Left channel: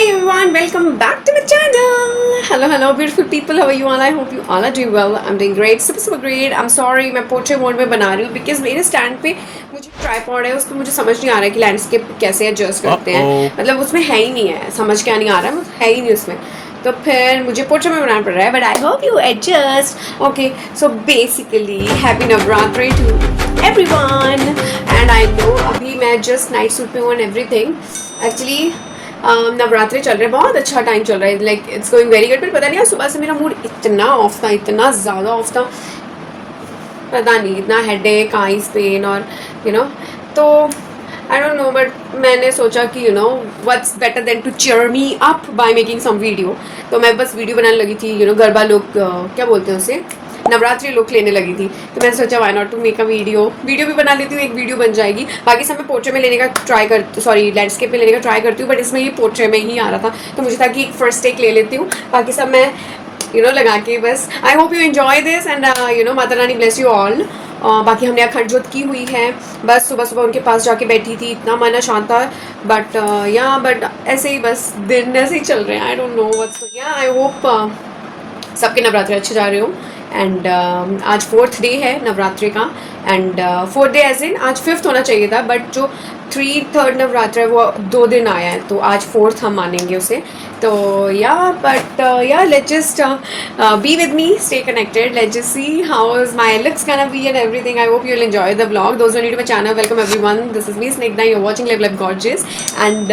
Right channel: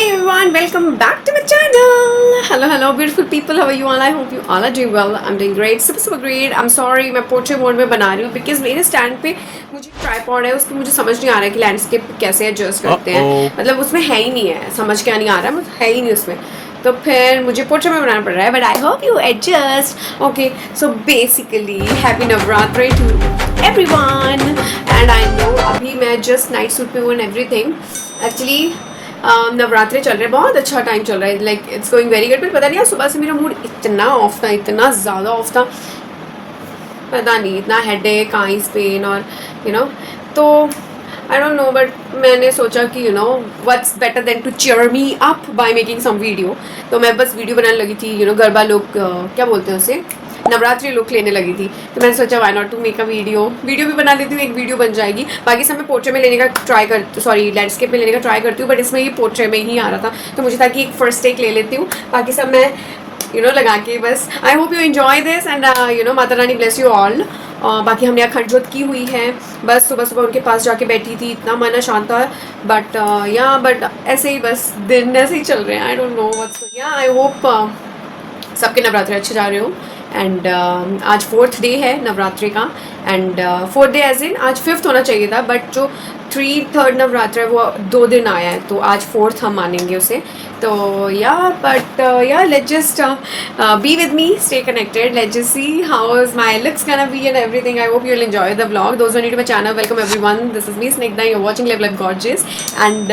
Hey everyone, welcome back to my channel. Hello beautiful people, how are you all? I hope you all are doing well. I'm doing great, super great. I'm sorry मैं portrait mode में बना रही हूँ because मेरे stand पे मुझे tripod है, उसको मुझे समझ नहीं आ रहा है कि लैंडस्केप कैसे एडजस्ट करते हैं. मतलब उसमें है ही नहीं है, समझ क्या नहीं आ रहा है, मतलब है ही नहीं उसमें. तो फिर मुझे पोर्ट्रेट में बनाना पड़ रहा है, but I hope you adjust. Okay, so basically happy Navratri to everyone. And I know अभी मैं जस्ट नाइट सूट पे हूँ एंड एवरीथिंग. एक्चुअली नवरात्रि चल रहे हैं, बहुत अच्छा टाइम चल रहा है, like it's going very good. But पता नहीं सुबह से मेरा मूड इतना ऑफ था, इतना ज़्यादा ऑफ था, पता नहीं, इतना हेडेक, आईज पेन और तो आई डोंट नो. बट मैंने सोचा कि what's better than to cheer me up by making some video. तो मैं बस वीडियो बनाने लगी थी. गरबा लोग क्या बोलते हैं उसे, नवरात्रि लुक लेने लगी थी. तो मैंने सोचा why not to make a video भी बना लेती हूँ, एक वीडियो बन जाएगी. बाकी सब मैं पोर्ट्रेट में लेने का ट्राई करती, सॉरी लैंडस्केप में लेने का ट्राई करती हूँ, बट इसमें ये पोर्ट्रेट में ही आ रहा था. तो मुझे था कि एक फर्स्ट टेक ले लेती हूँ, बाकी सब मैं लगा के बस. आई hope you enjoy this and Mata Rani bless you all. बाकी हमने यहाँ खंड जोत की हुई है, बस सुबह सुबह उनके पास जाके बैठी थी, इतना मन शांत था. बट ऐसे ही बस दिन ऐसे ही चल रहे हैं. I don't know what's. I hope सबके नवरात्रि अच्छे जा रहे हो. एंड आज 4th डे है नवरात्रि का. And 4th day as in आज 5th होना चाहिए था, बट जो 3rd नवरात्र है वो 2 दिन आया है, तो आज 4th हम मानेंगे उसे. तो let's just be with me, stay connected, let's just see how is my looks gonna be and everything. I hope you will enjoy the vlog. Those are new to my channel, welcome everyone. This is me Snigdha, you are watching live life gorgeous. And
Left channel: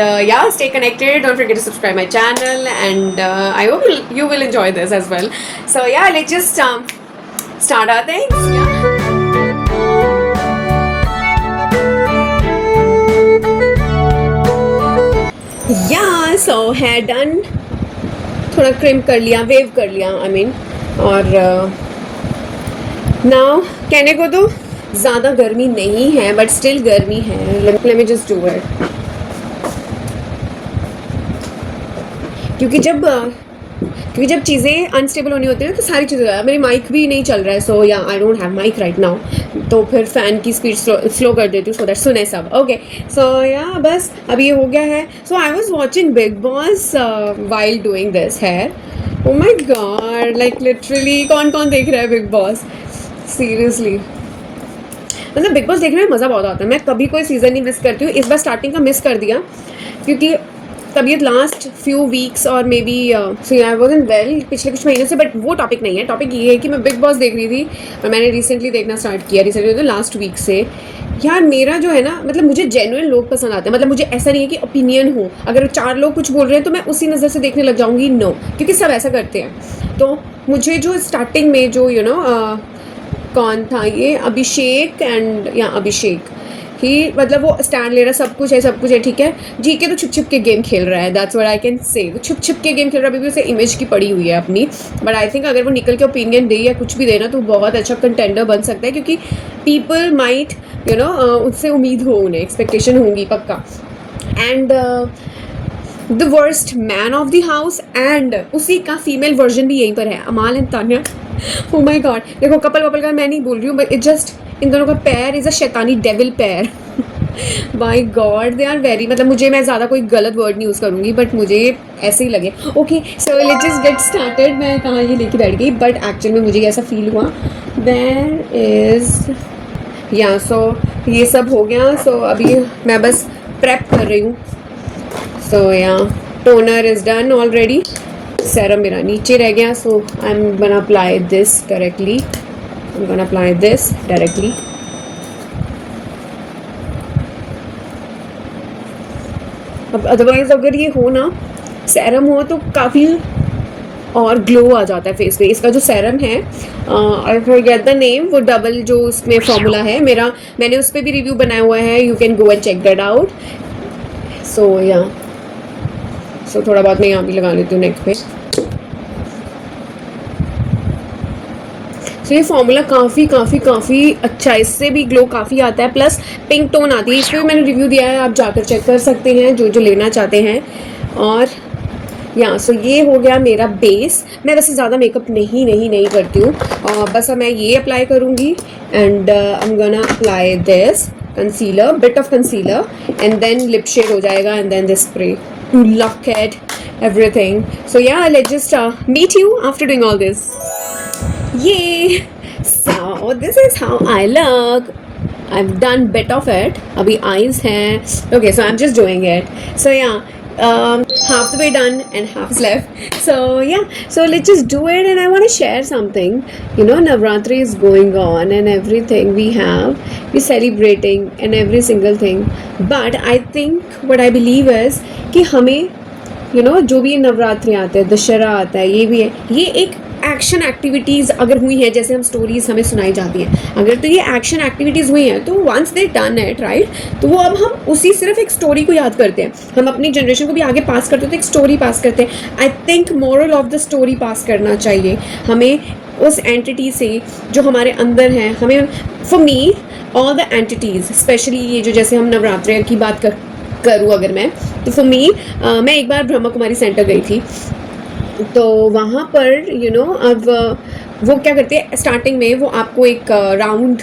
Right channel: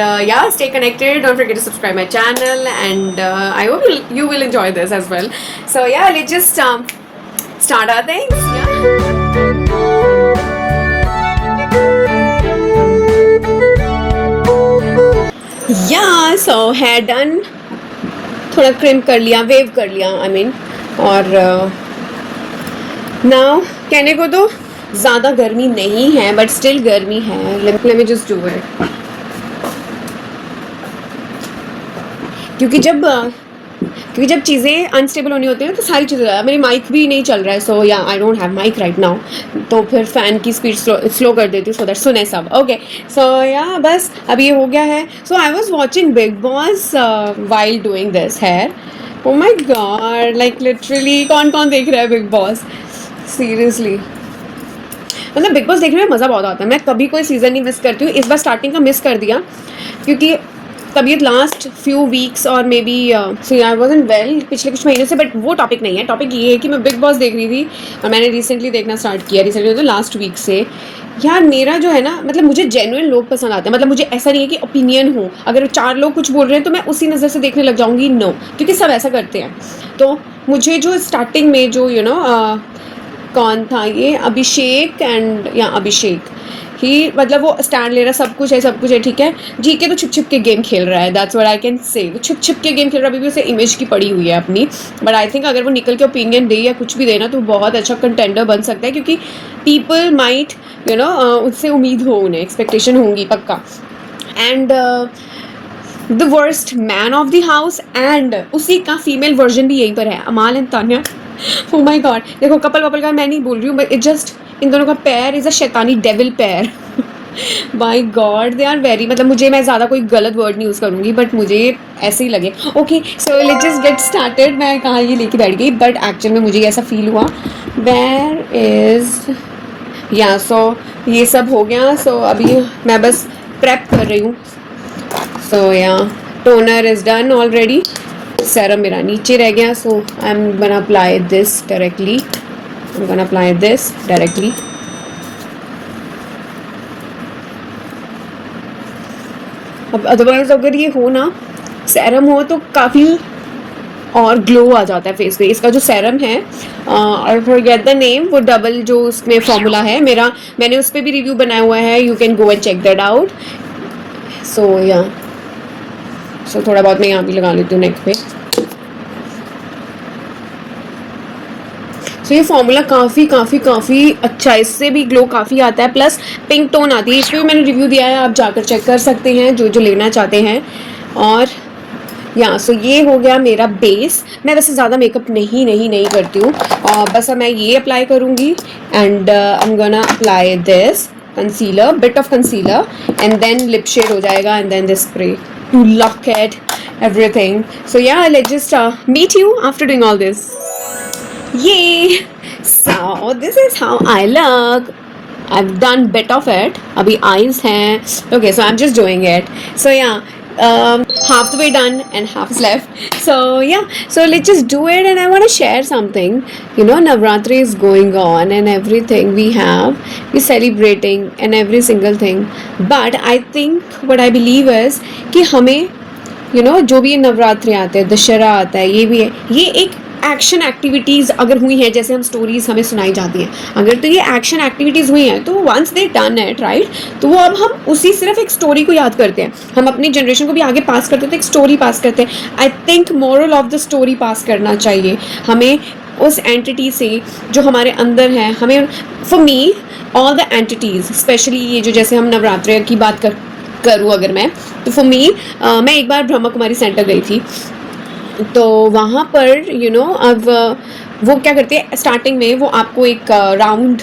stay connected, don't forget to subscribe my channel. And I hope you will enjoy this as well. So let's just start our things. So hair done, थोड़ा cream कर लिया, wave कर लिया, I mean. और now कहने को तो ज़्यादा गर्मी नहीं है, बट स्टिल गर्मी है. let me just do it. क्योंकि जब चीज़ें अनस्टेबल होनी होती है तो सारी चीज़ें, मेरी माइक भी नहीं चल रहा है, so I don't have mic right now. तो फिर फ़ैन की स्पीड स्लो कर देती हूँ सो दैट सुने सब. ओके, सो बस अब ये हो गया है. So I was watching Bigg Boss while doing this hair. Oh my god, like literally कौन देख रहा है बिग बॉस, सीरियसली. मतलब बिग बॉस देखने में मज़ा बहुत आता है. मैं कभी कोई सीज़न नहीं मिस करती हूँ. इस बार स्टार्टिंग का मिस कर दिया क्योंकि तबीयत लास्ट फ्यू वीक्स और maybe I wasn't well पिछले कुछ महीने से. बट वो टॉपिक नहीं है. टॉपिक ये है कि मैं बिग बॉस देख रही थी और मैंने रिसेंटली देखना स्टार्ट किया, तो लास्ट वीक से. यार मेरा जो है ना, मतलब मुझे जेन्युइन लोग पसंद आते हैं. मतलब मुझे ऐसा नहीं है कि ओपिनियन हो, अगर 4 लोग कुछ बोल रहे हैं तो मैं उसी नज़र से देखने लग जाऊँगी, नो, क्योंकि सब ऐसा करते हैं. तो मुझे जो स्टार्टिंग में जो कौन था ये, अभिषेक अभिषेक ही, मतलब वो स्टैंड ले रहा, सब कुछ है ठीक है. जीके तो छुप के गेम खेल रहा है, that's what I can say. छुप के गेम खेल रहा है, अभी भी उसे इमेज की पड़ी हुई है अपनी. बट आई थिंक अगर वो निकल के ओपिनियन दे या कुछ भी देना तो बहुत अच्छा कंटेंडर बन सकता है, क्योंकि पीपल माइट उससे उम्मीद हो, उन्हें एक्सपेक्टेशन होंगी पक्का. And the worst man of the house, and उसी का फीमेल वर्जन भी यहीं पर है, Amaal and Tanya. Oh my god, देखो कपल का मैं नहीं बोल रही हूँ, बट इट जस्ट इन दोनों का पैर इज़ अ शैतानी डेविल पैर. माई गॉड, दे आर वेरी, मतलब मैं ज़्यादा कोई गलत वर्ड नहीं यूज़ करूँगी, बट मुझे ऐसे ही लगे. Okay, so let's just get started. मैं कहाँ ये लेके बैठ गई, बट एक्चुअल में मुझे ऐसा फील हुआ. वेयर इज़ सो ये सब हो गया. सो अभी मैं बस प्रेप कर रही हूँ. So toner is done already. Serum मेरा नीचे रह गया, so I am gonna apply this directly. अब अदरवाइज अगर ये हो ना, सेरम हो तो काफ़ी और ग्लो आ जाता है फेस पे. इसका जो सेरम है, और फॉरगेट द नेम, वो डबल जो उसमें फॉर्मूला है मेरा, मैंने उस पर भी रिव्यू बनाया हुआ है, you can go and check that out. So थोड़ा बहुत मैं यहाँ भी लगा लेती हूँ नेक पे. सो ये फॉर्मूला काफ़ी अच्छा है, इससे भी ग्लो काफ़ी आता है, प्लस पिंक टोन आती है. इस पर भी मैंने रिव्यू दिया है, आप जाकर चेक कर सकते हैं जो लेना चाहते हैं. और सो ये हो गया मेरा बेस. मैं वैसे ज़्यादा मेकअप नहीं करती हूँ, बस अब मैं ये अप्लाई करूँगी. And I am gonna apply this concealer, bit of concealer, and then lip shade हो जाएगा, and then this spray. to look at everything. So yeah, let's just meet you after doing all this. Yay! So this is how I look. I've done bit of it. Abhi eyes hain. Okay, so I'm just doing it. So yeah, half the way done and half is left. So yeah, so let's just do it. And I want to share something. You know, Navratri is going on and everything we're celebrating and every single thing. But I think what I believe is कि हमें जो भी ये नवरात्रि आते हैं, दशहरा आता है, ये भी है, ये एक एक्शन एक्टिविटीज़ अगर हुई हैं, जैसे हम स्टोरीज़ हमें सुनाई जाती हैं, अगर तो ये एक्शन एक्टिविटीज़ हुई हैं तो once they done it right, तो वो अब हम उसी सिर्फ एक स्टोरी को याद करते हैं, हम अपनी जनरेशन को भी आगे पास करते हैं, तो एक स्टोरी पास करते हैं. I think moral of the story पास करना चाहिए हमें उस एंटिटी से जो हमारे अंदर है. हमें for me all the entities, specially ये जो जैसे हम नवरात्रि की बात करूँ अगर मैं, तो फॉर मी मैं एक बार ब्रह्मा कुमारी सेंटर गई थी. तो वहाँ पर अब वो क्या करते हैं, स्टार्टिंग में वो आपको एक राउंड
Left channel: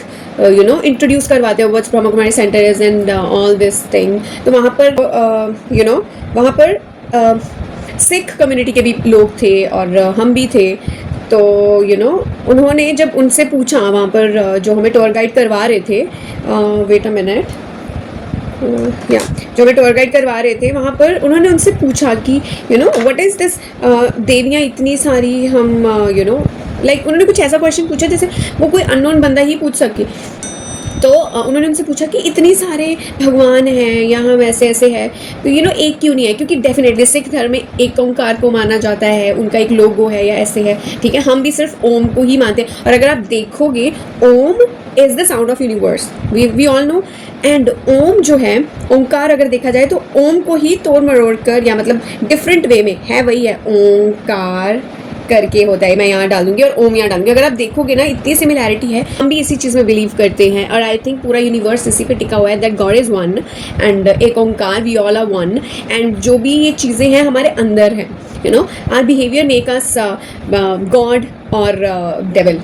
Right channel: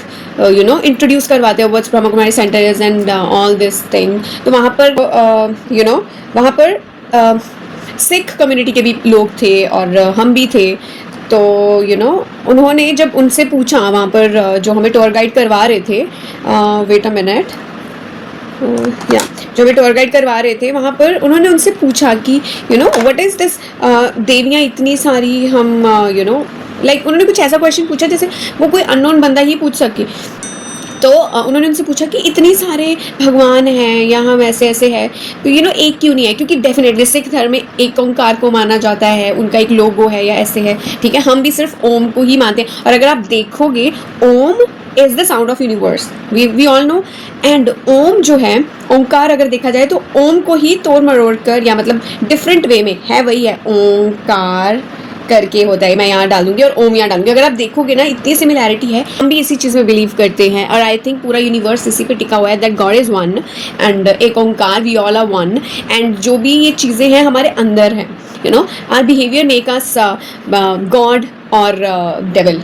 इंट्रोड्यूस करवाते हैं what's Brahma Kumari centre is and all this thing. तो वहाँ पर वहाँ पर सिख कम्युनिटी के भी लोग थे और हम भी थे. तो उन्होंने जब उनसे पूछा वहाँ पर जो हमें टूर गाइड करवा रहे थे, वेट अ मिनट, या जो हमें टूर गाइड करवा रहे थे वहाँ पर उन्होंने उनसे पूछा कि व्हाट इज़ दिस, देवियाँ इतनी सारी, हम लाइक उन्होंने कुछ ऐसा क्वेश्चन पूछा जैसे वो कोई अननोन बंदा ही पूछ सके. तो उन्होंने उनसे पूछा कि इतनी सारे भगवान हैं या हम ऐसे ऐसे है, तो एक क्यों नहीं है, क्योंकि डेफिनेटली सिख धर्म में एक ओंकार को माना जाता है, उनका एक लोगो है या ऐसे है, ठीक है. हम भी सिर्फ ओम को ही मानते हैं. और अगर आप देखोगे, Om is the sound of universe, we all know. And Om जो है, ओंकार अगर देखा जाए तो ओम को ही तोड़ मरोड़ कर या मतलब डिफरेंट वे में है, वही है ओंकार करके होता है. मैं यहाँ डाल दूँगी और ओम यहाँ डालूंगी. अगर आप देखोगे ना, इतनी सिमिलैरिटी है. हम भी इसी चीज़ में बिलीव करते हैं और आई थिंक पूरा यूनिवर्स इसी पे टिका हुआ है, that god is one and एक Onkar, we all are one. And जो भी ये चीज़ें हैं हमारे अंदर हैं, our behaviour make us god और devil,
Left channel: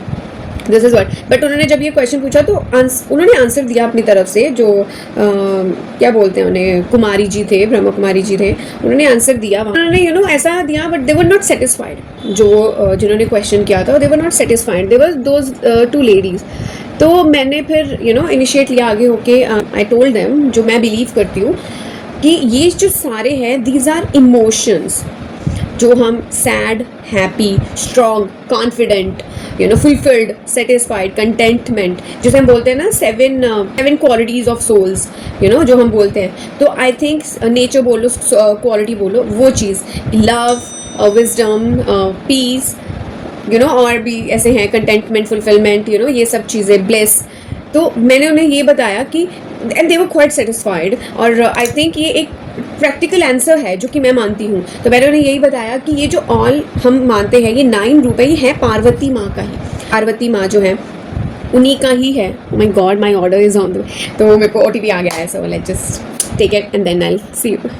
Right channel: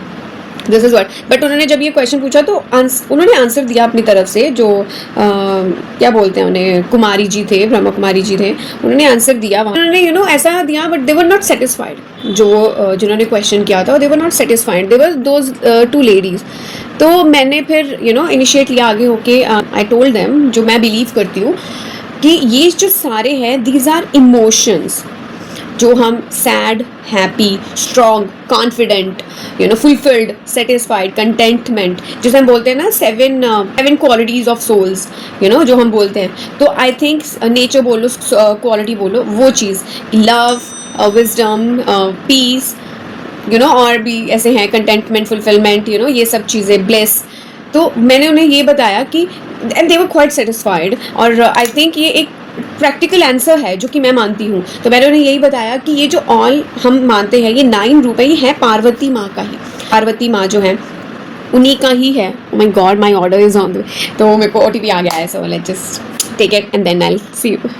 this is word. But उन्होंने जब ये क्वेश्चन पूछा तो उन्होंने आंसर दिया अपनी तरफ से, जो क्या बोलते हैं उन्हें, कुमारी जी थे, ब्रह्मा कुमारी जी थे, उन्होंने आंसर दिया. उन्होंने ऐसा दिया, but they were not satisfied. जो जिन्होंने क्वेश्चन किया था, they were not satisfied, they were those two ladies. तो मैंने फिर इनिशिएट लिया आगे होके. आई टोल्ड देम, जो मैं बिलीव करती हूँ कि ये जो सारे हैं, दीज आर इमोशंस, जो हम sad, happy, strong, confident, fulfilled, satisfied, contentment, जैसे हम बोलते हैं ना, सेवन क्वालिटीज़ ऑफ सोल्स, जो हम बोलते हैं. तो आई थिंक नेचर बोलो, क्वालिटी बोलो, वो चीज़, लव, विजडम, पीस, और भी ऐसे हैं, कंटेंटमेंट, फुलफिलमेंट, ये सब चीज़ें, ब्लेस. तो मैंने उन्हें ये बताया कि and they were quite satisfied. और आई थिंक ये एक प्रैक्टिकल आंसर है जो कि मैं मानती हूँ. तो मैंने उन्हें यही बताया कि ये जो ऑल हम मानते हैं, ये 9 रूप है, ये है पार्वती माँ का ही. पार्वती माँ जो है उन्हीं का ही है. My god, my order is on the, तो मेरे को OTP आ गया है. So let's just take it and then I will see you.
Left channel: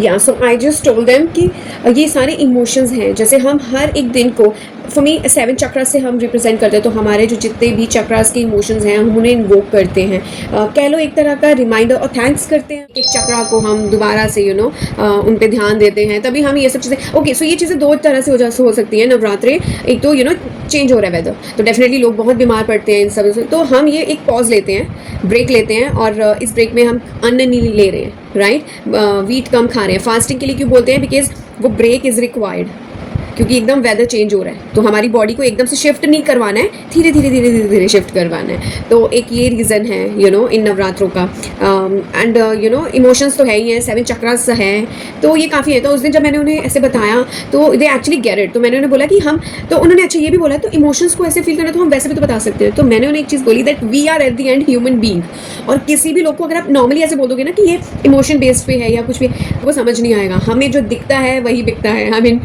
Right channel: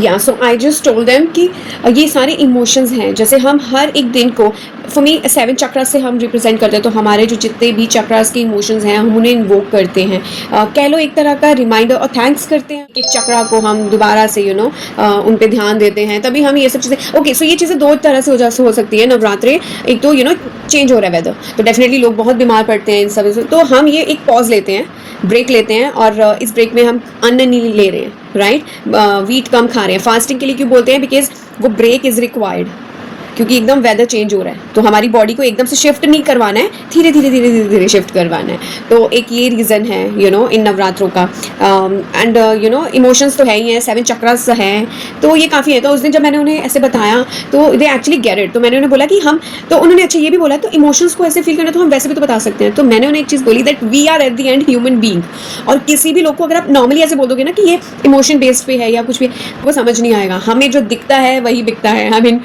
Yeah so I just told them कि ये सारे इमोशंस हैं. जैसे हम हर एक दिन को, फॉर मी 7 चक्रास से हम रिप्रेजेंट करते हैं, तो हमारे जो जितने भी चक्रास के इमोशंस हैं हम उन्हें इन्वोक करते हैं. कह लो एक तरह का रिमाइंडर और थैंक्स करते हैं. एक चक्रा को हम दोबारा से उन पे ध्यान देते हैं, तभी हम ये सब चीज़ें. ओके, सो ये चीज़ें 2 तरह से हो सकती है. नवरात्रि, एक तो चेंज हो रहा है वेदर, तो डेफिनेटली लोग बहुत बीमार पड़ते हैं इन सब से. तो हम ये एक पॉज लेते हैं, ब्रेक लेते हैं, और इस ब्रेक में हम अन्न नहीं ले रहे हैं, राइट. वीट कम खा रहे हैं. फास्टिंग के लिए क्यों बोलते हैं? बिकॉज वो ब्रेक इज़ रिक्वायर्ड, क्योंकि एकदम वेदर चेंज हो रहा है, तो हमारी बॉडी को एकदम से शिफ्ट नहीं करवाना है, धीरे धीरे धीरे धीरे धीरे शिफ्ट करवाना है. तो एक ये रीज़न है इन नवरात्रों का. एंड इमोशंस तो है ही हैं, 7 चक्रास हैं, तो ये काफ़ी है. तो उस दिन जब मैंने उन्हें ऐसे बताया तो दे एक्चुअली गेट इट. तो मैंने उन्हें बोला कि हम, तो उन्होंने अच्छा ये भी बोला, तो इमोशंस को ऐसे फील करना तो हम वैसे भी तो बता सकते हैं. तो मैंने उन्हें एक चीज़ बोली, that we are at the end human being. और किसी भी लोग को अगर आप नॉर्मली ऐसे बोल दोगे ना कि ये इमोशन बेस्ड पे है या कुछ भी, वो समझ नहीं आएगा. हमें जो दिखता है वही बिकता है. आई मीन,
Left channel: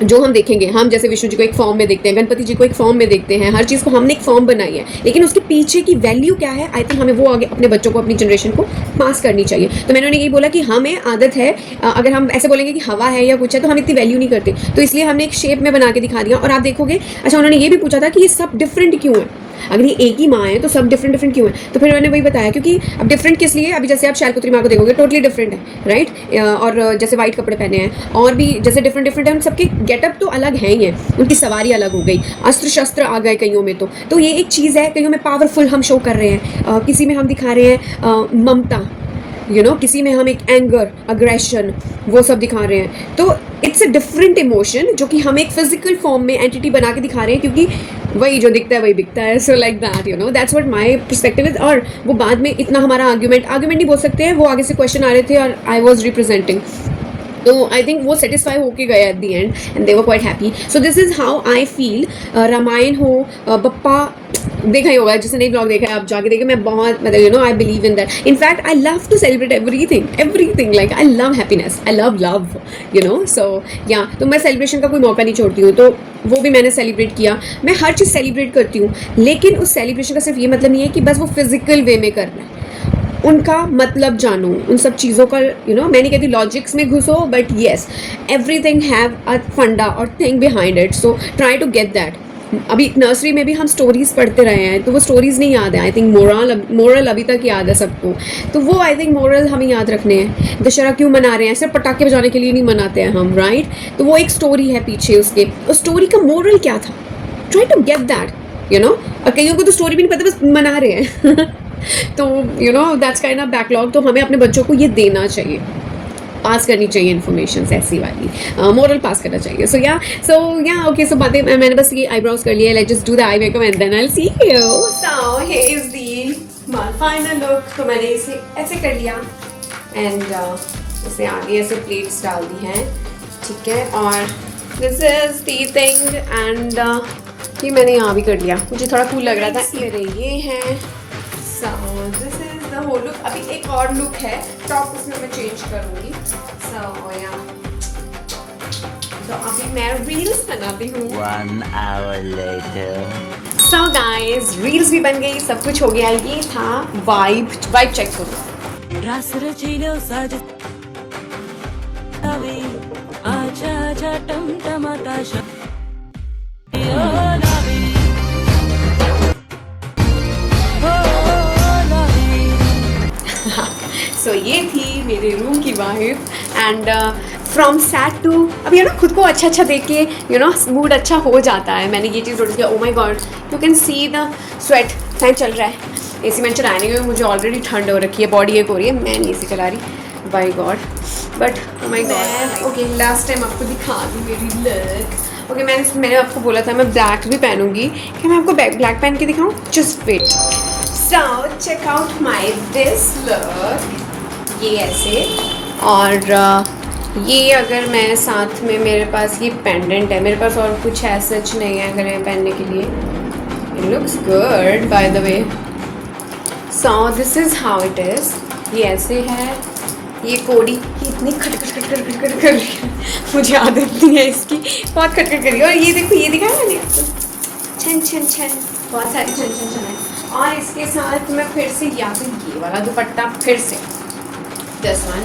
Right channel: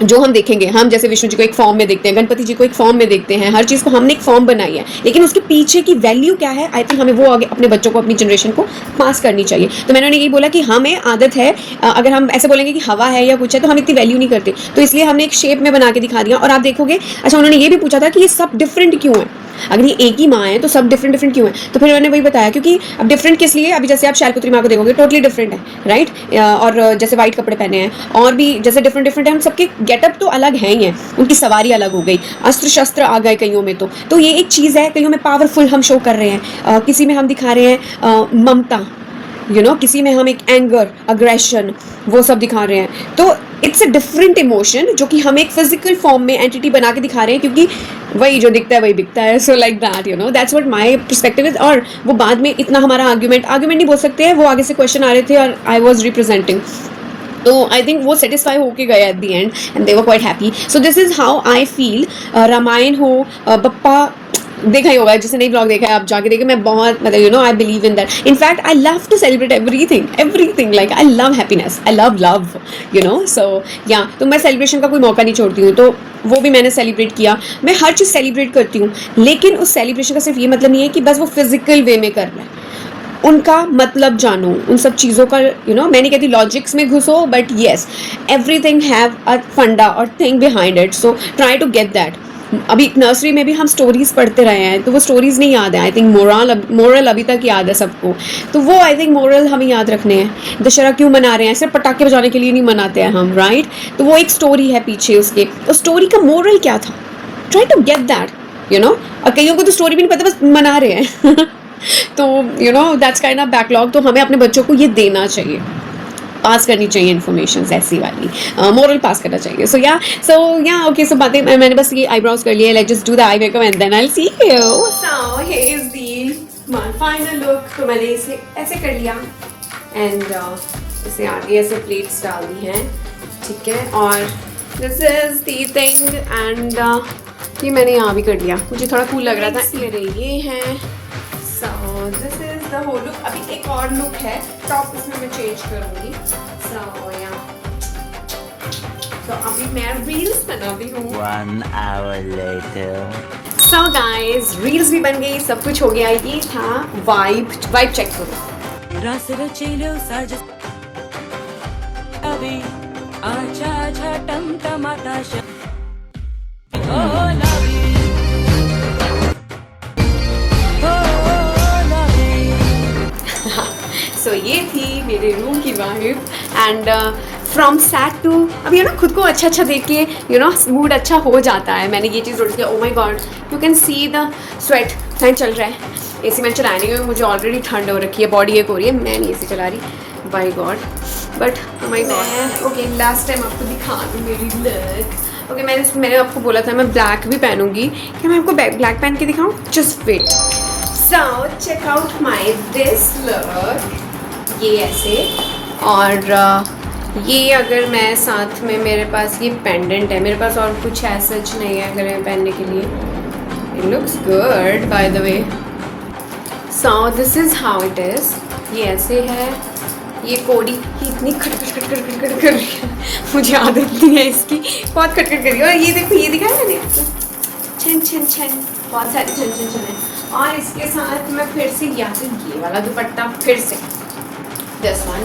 जो हम देखेंगे, हम जैसे विष्णु जी को एक फॉर्म में देखते हैं, गणपति जी को एक फॉर्म में देखते हैं, हर चीज़ को हमने एक फॉर्म बनाई है, लेकिन उसके पीछे की वैल्यू क्या है, आई थिंक हमें वो आगे अपने बच्चों को, अपनी जनरेशन को पास करनी चाहिए. तो मैंने उन्हें यही बोला कि हमें आदत है, अगर हम ऐसे बोलेंगे कि हवा है या कुछ है, तो हम इतनी वैल्यू नहीं करते, तो इसलिए हमने एक शेप में बना के दिखा दिया. और आप देखोगे, अच्छा उन्होंने ये भी पूछा था कि ये सब डिफरेंट क्यों है. अगर ये एक ही माँ है तो सब डिफरेंट डिफरेंट क्यों है? तो फिर मैंने वही बताया, क्योंकि अब डिफरेंट किस लिए, अभी जैसे आप शैलपुत्री माँ को देखोगे टोटली डिफरेंट है, राइट? और जैसे वाइट कपड़े पहने हैं और भी जैसे डिफरेंट डिफरेंट है, उन सबके गेटअप तो अलग हैं ही हैं, उनकी सवारी अलग हो गई, अस्त्र शस्त्र आ गए कईयों में। तो ये एक चीज़ है, कईयों में पावरफुल हम शो कर रहे हैं, किसी में हम दिखा रहे हैं ममता, किसी में हम एक एंगर, अग्रेशन, वो सब दिखा रहे हैं। तो इट्स अ डिफरेंट इमोशन जो कि हम एक फिजिकल फॉर्म में एंटिटी बना के दिखा रहे हैं, क्योंकि वही जो दिखता है वही बिकता है। So like that, that's what my perspective is. और वो बाद में इतना हमारा आर्ग्यूमेंट नहीं बोल सकते हैं, वो आगे से क्वेश्चन आ रहे थे और आई वॉज रिप्रेजेंटिंग, तो आई थिंक वो सेटिस्फाई होके गए at the end and they were quite happy. So this is how I feel. Ramayan हो, बप्पा देखा ही होगा, जिसने नहीं ब्लॉग देखा है आप जाके देखिए। मैं बहुत मतलब I believe in that. In fact I love to celebrate everything like I love happiness, I love so या तो मैं सेलिब्रेशन का कोई मौका नहीं छोड़ती हूँ, तो वो भी मैंने सेलिब्रेट किया। मैं हर चीज़ सेलिब्रेट करती हूँ, लेकिन उस सेलिब्रेशन का सिर्फ ये मतलब नहीं है कि बस वो फिजिकल वे में करना है, उनका मतलब जानो, उन सब चीज़ों का मैं नहीं कहती लॉजिक्स में घुसो, but yes everything have a funda और thing behind it, so try to get that. अभी नर्सरी में भी हम स्टोरीज पढ़ते रहे हैं, तो वो स्टोरीज नहीं याद है। आई थिंक मोरल अभी तक याद है सबको, तो वो आई थिंक मोरल हमें याद रखने हैं। दशहरा क्यों मना रहे हैं? सिर्फ पटाखे बजाने के लिए नहीं मनाते हैं हम, राइट? तो वो एक स्टोरी है पीछे उसके, उस स्टोरी का मोरल क्या था? ट्राई टू गेट दैट, और कईयों को तो स्टोरी भी नहीं पता, बस मना रहे हैं तो दैट्स काइंड ऑफ बैकलॉग। तो हमें अपने बच्चों को ये देना चाहिए, पास करनी चाहिए इन्फॉर्मेशन ऐसी वाली, मोरल पास करना चाहिए। सो या ओके, सो बातें मैंने बस ये आईब्रोज कर लिए। Let's just do the eye makeup and then I will see you. So here is the my final look. तो मैंने इसे ऐसे कर लिया एंड इसे आगे ऐसे प्लेट्स डाल दी हैं, ठीक है। और this is the thing and ये मैंने यहाँ भी कर लिया, मुझे थोड़ा कूल लग रहा था। ये है this is the whole look. अभी एक और लुक है, टॉप उसमें मैं चेंज करूँगी। तो अभी मैं रील्स बना रही हूँ। 1 hour later. So guys, reels भी बन गई, सब कुछ हो गया। ये था वाइब चेक करो। So ये थी मेरे रूम की vibe and from sad to, अब खुद को अच्छा देख के मूड अच्छा हो जाता है। मैंने ये चीज़ नोटिस किया। ओ my God, you can see the sweat. Fan चल रहा है, एसी मैं चला रही हूँ, मुझे ऑलरेडी ठंड हो रखी है, बॉडी एक हो रही है, मैं नहीं एसी चला रही, by God. But oh my God, okay last time आपको दिखा दूँ मेरी लुक। ओके मैंने आपको बोला था मैं ब्लैक भी पहनूंगी, क्या मैं आपको ब्लैक पहन के दिखाऊँ? Just wait. So check out my this look, ये ऐसे। और ये अगर मैं साथ में, मेरे पास ये पेंडेंट है, मेरे पास और कुछ है सच नहीं है अगर पहनने के लिए। It looks good by the way. So this is how it is. ये ऐसे है, ये कोडी इतनी खटखट कर रही है, मुझे आदत नहीं है इसकी, बहुत खटखट कर रही है। और ये देखो, ये दिखाया मैंने आपको, छन बहुत सारी छन है। और इसके साथ मैं फिर से या फिर ये वाला दुपट्टा, फिर से दिस वन,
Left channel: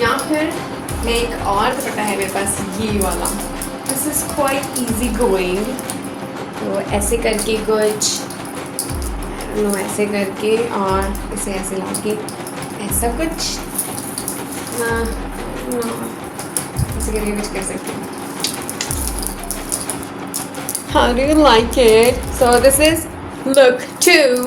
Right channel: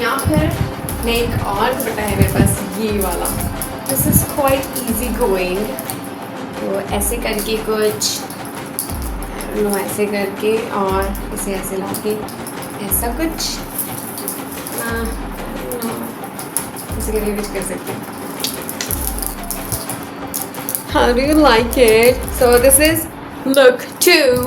या फिर मैं एक और दुपट्टा है मेरे पास, ये वाला। This is quite easy going. तो ऐसे करके कुछ ऐसे करके और इसे ऐसे ला के ऐसा कुछ ऐसे करके कुछ कर सकते हैं। How do you like it? So this is look 2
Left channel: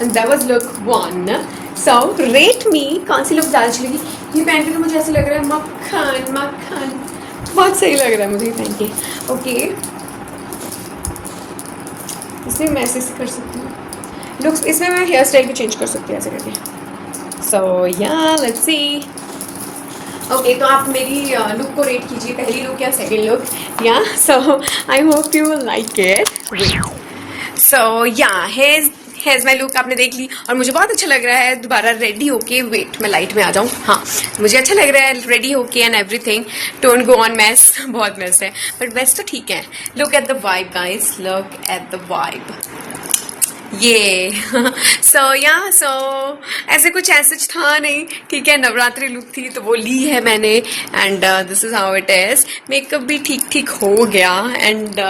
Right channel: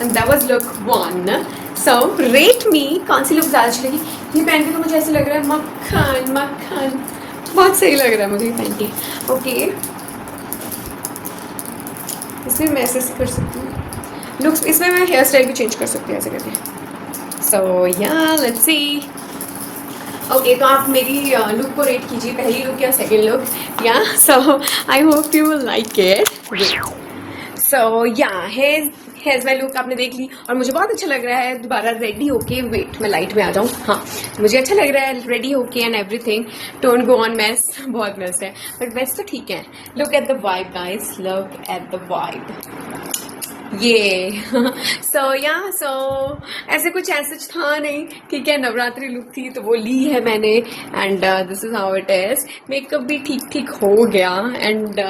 and that was look 1. So rate me, कौन सी लुक ज़्यादा अच्छी लगी? ये पहन के तो मुझे ऐसे लग रहा है मक्खन, बहुत सही लग रहा है मुझे पहन के। ओके, इसमें मैं ऐसे कर सकती हूँ लुक्स, इसमें मैं हेयर स्टाइल भी चेंज कर सकती हूँ ऐसे करके। सो या लेट्स सी। ओके, तो आप मेरी लुक को रेट कीजिए, पहली लुक या second look. Yeah so I hope you will like it. So yeah here's my look आपने देख ली और मुझे बहुत अच्छा लग रहा है दोबारा रेडी होके। वेट, मैं लाइट में आ जाऊँ। हाँ, मुझे अच्छा लग रहा है रेडी होके and everything. Don't go on mess, बहुत मेस है, बट मेस तो ठीक है। Look at the vibe guys, look at the vibe. ये सो ऐसे कुछ ऐसा था नहीं, ठीक है। नवरात्रि लुक थी तो वो ली है मैंने, and this is how it is. Makeup भी ठीक ठीक हो गया, एंड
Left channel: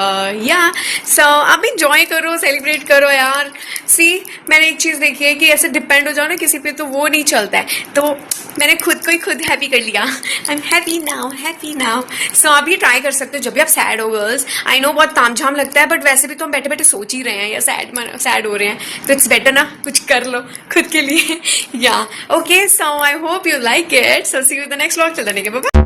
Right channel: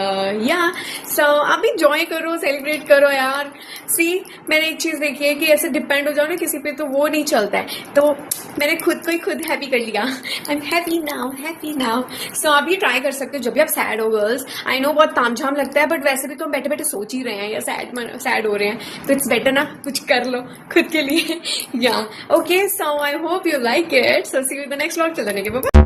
सो आप इंजॉय करो, सेलिब्रेट करो यार। सी, मैंने एक चीज़ देखी है कि ऐसे डिपेंड हो जाओ ना किसी पे तो वो नहीं चलता है, तो मैंने खुद को ही खुद हैप्पी कर लिया। I am happy now. So आप ये ट्राई कर सकते हो जब भी आप सैड हो गर्ल्स। आई नो बहुत तामझाम लगता है, बट वैसे भी तो हम बैठे बैठे सोच ही रहे हैं या सैड हो रहे हैं, तो इट्स बेटर ना कुछ कर लो खुद के लिए। या okay, so I hope you like it. So see you in the next vlog. चल देने के बाबा।